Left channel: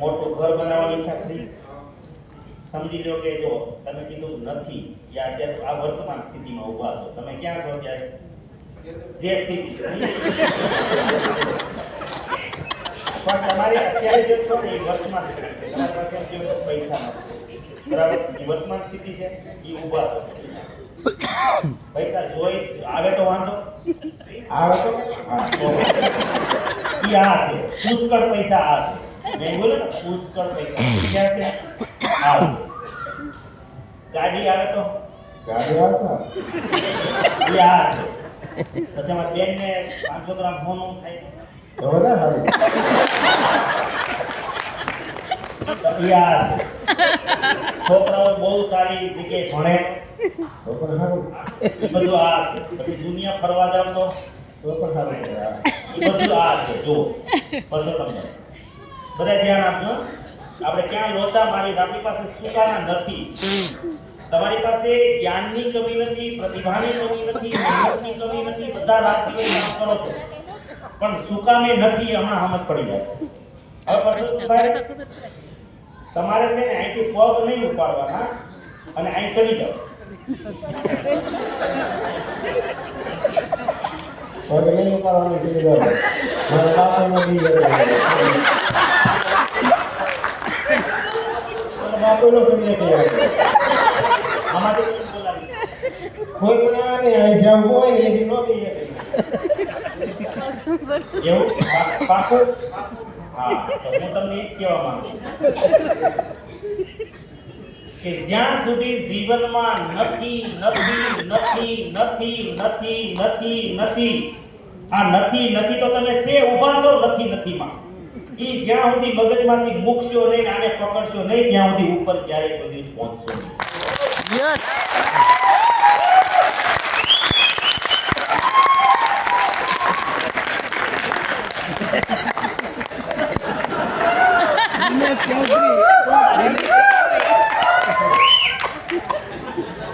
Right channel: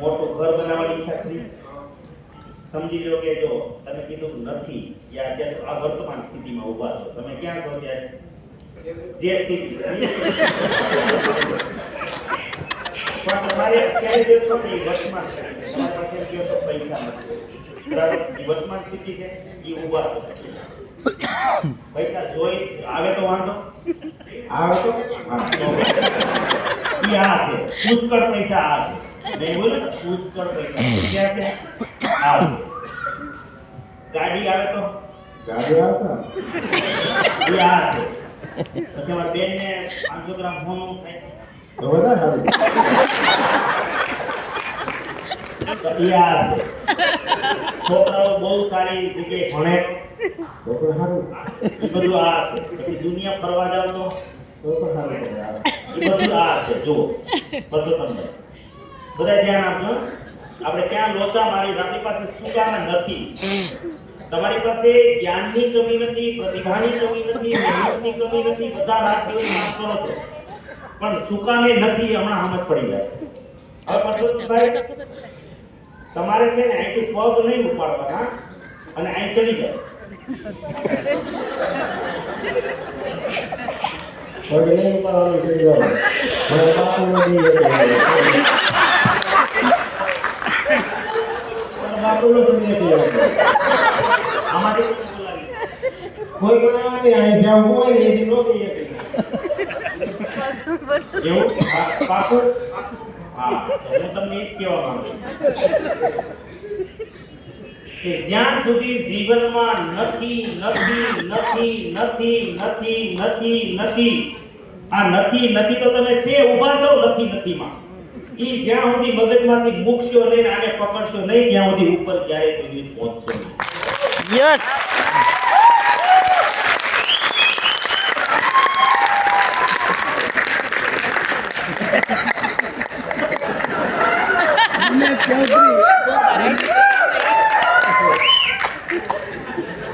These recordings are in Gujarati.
મોટું ઘર બનાવવાની ઈચ્છા ખરી સમજી લો કે જો તમે કીધું નથી યા અત્યારે આ વર્તમાન સ્થિતિમાં ઊભા છો. તમે ક્યાં છો ત્યારે જે સ્થિતિ. પાસે નથી. પૈસા જોઈ, આવે તો વાંધો. આ છે. પુષ્કળ પૈસા આ છે. નહીં બોલો પુષ્કળ પૈસા. ક્યાં છે આ ગાડી આવે તો? ગાડી આવે આ છે. પછી અમારા બેનને 500 ગ્રામ સોનું થાય. તો વધારે સારું. આ છે. છોકરાઓ બહુ સારી જગ્યાએ ભણે. પણ સારું એ બધું આ છે. પછી દુનિયા ફરવા જાવ તો? તો પણ સારું એ બધું આ છે. જુઓ. પરસોત્તમભાઈ બધા ધ્યાન આપજો. આપણે ક્યાં લોચા મારી આપણી પાસે સુકાના નથી. તમારી પાસે જ્ઞાનની કમી નથી પ્રતિભાની કમી નથી મહેનતની કમી નથી. બધા રાત દિવસ કામ કરો છો. પણ સુકામે નથી હમણાં સમજ પડી હવે પરસોત્તમભાઈ તમારે છે ને અહીંથી પગ નહીં ઉપાડવાના. અને અહીં ચડી જાય નહીં ઉપાડવાનું ચડી બાપુનો તમને કહેવાય આમાંથી કોઈ બોલાવે અહીં જવું હોય ને એથી ન કહીએ એવું પા- હા તો હું તમને એ જ કહેવા માંગુ. કે જ્યાં સુધી જીવનમાં નથી નથી નથી નથી નથી નથી નથી આ નથી નથી તો તમે છે ઊભા છો નથી નથીમાં. ઈ જ્યાં સુધી મગજમાંથી મૂકશો નહીં આને પકડશો નહીં ત્યાં સુધી ઉપર ક્યારેય કોઈ દિવસ પહોંચશો નહીં. યસ. એવું નથી. હુંય નહોતો. નહીં, હુંય નહોતો. મારા બાપા પ્રયાસ કરશો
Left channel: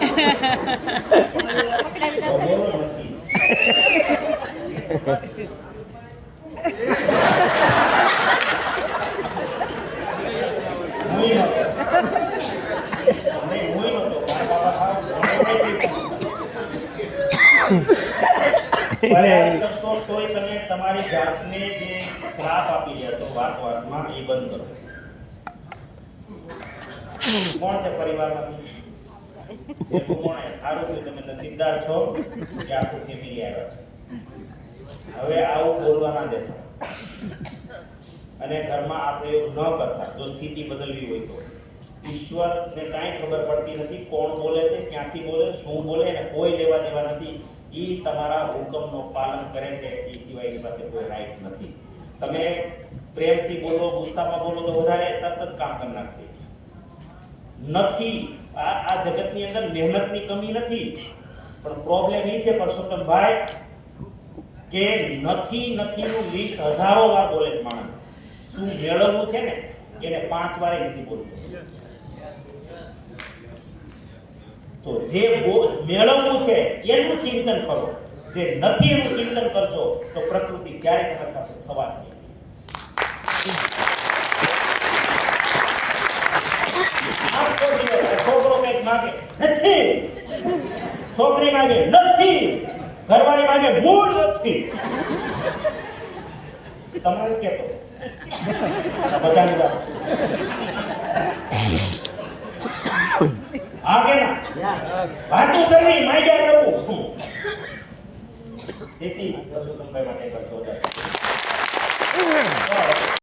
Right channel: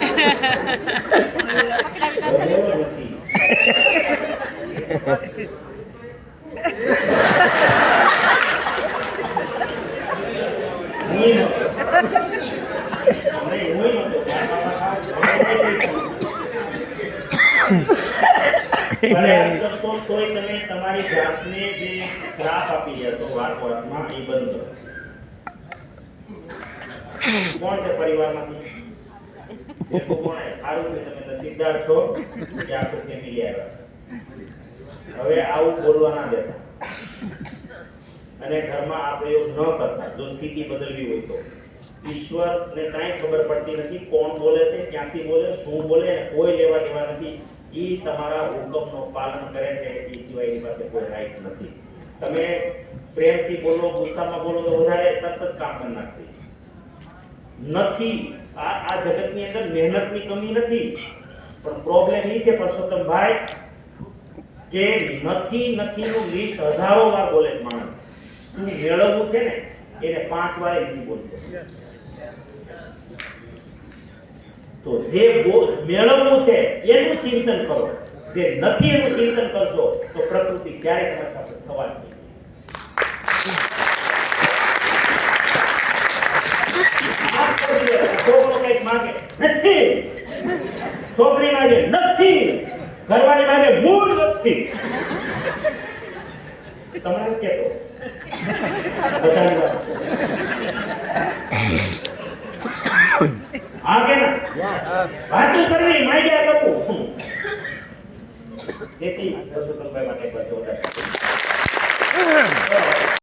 તોય તમે તમારી જાતને જે શ્રાપ આપી છો વાત વાતમાં એ બંધ કોણ છે પરિવારમાંથી કોણ? સારું કે તમે નસીબદાર છો, કે આખું ફેમિલી આવ્યા હવે આવું બોલવા ના દેતા અને ઘરમાં આ પ્રયોગ ન કરતા, જો સ્થિતિ બદલવી હોય તો. ઈશ્વરને કાંઈ ખબર પડતી નથી કોણ બોલે છે, ક્યાંથી બોલે, શું બોલે અને કોઈ લેવા દેવા નથી. એ તમારા હુકમનો પાલન કરે છે, એ સિવાય એની પાસે કોઈ રાઈટ નથી. તમે પ્રેમથી બોલો, ગુસ્સામાં બોલો તો વધારે તરત જ કામ કરી નાખશે. નથી આ આ જગતની અંદર મહેનતની કમી નથી, પણ પ્રોબ્લેમ એ છે પરસોત્તમભાઈ કે નથી નથીનું લિસ્ટ હજારો વાર બોલે છે માણસ. શું મેળવવું છે ને? એને પાંચ વાર નથી બોલતો. તો જે મેળવવું છે, એનું ચિંતન કરો. જે નથી એનું ચિંતન કરશો, તો પ્રકૃતિ ક્યારેય તમારી પાસે થવા જ નહીં આખો દિવસ છોકરો કંઈક માંગે નથી. છોકરી માંગે નથી. ઘરવાળી માંગે મૂળ નથી. તમારે કેતો. હા કે ના? વાતું કરવી માંગ્યા કરવું તેથી માટે કરતો.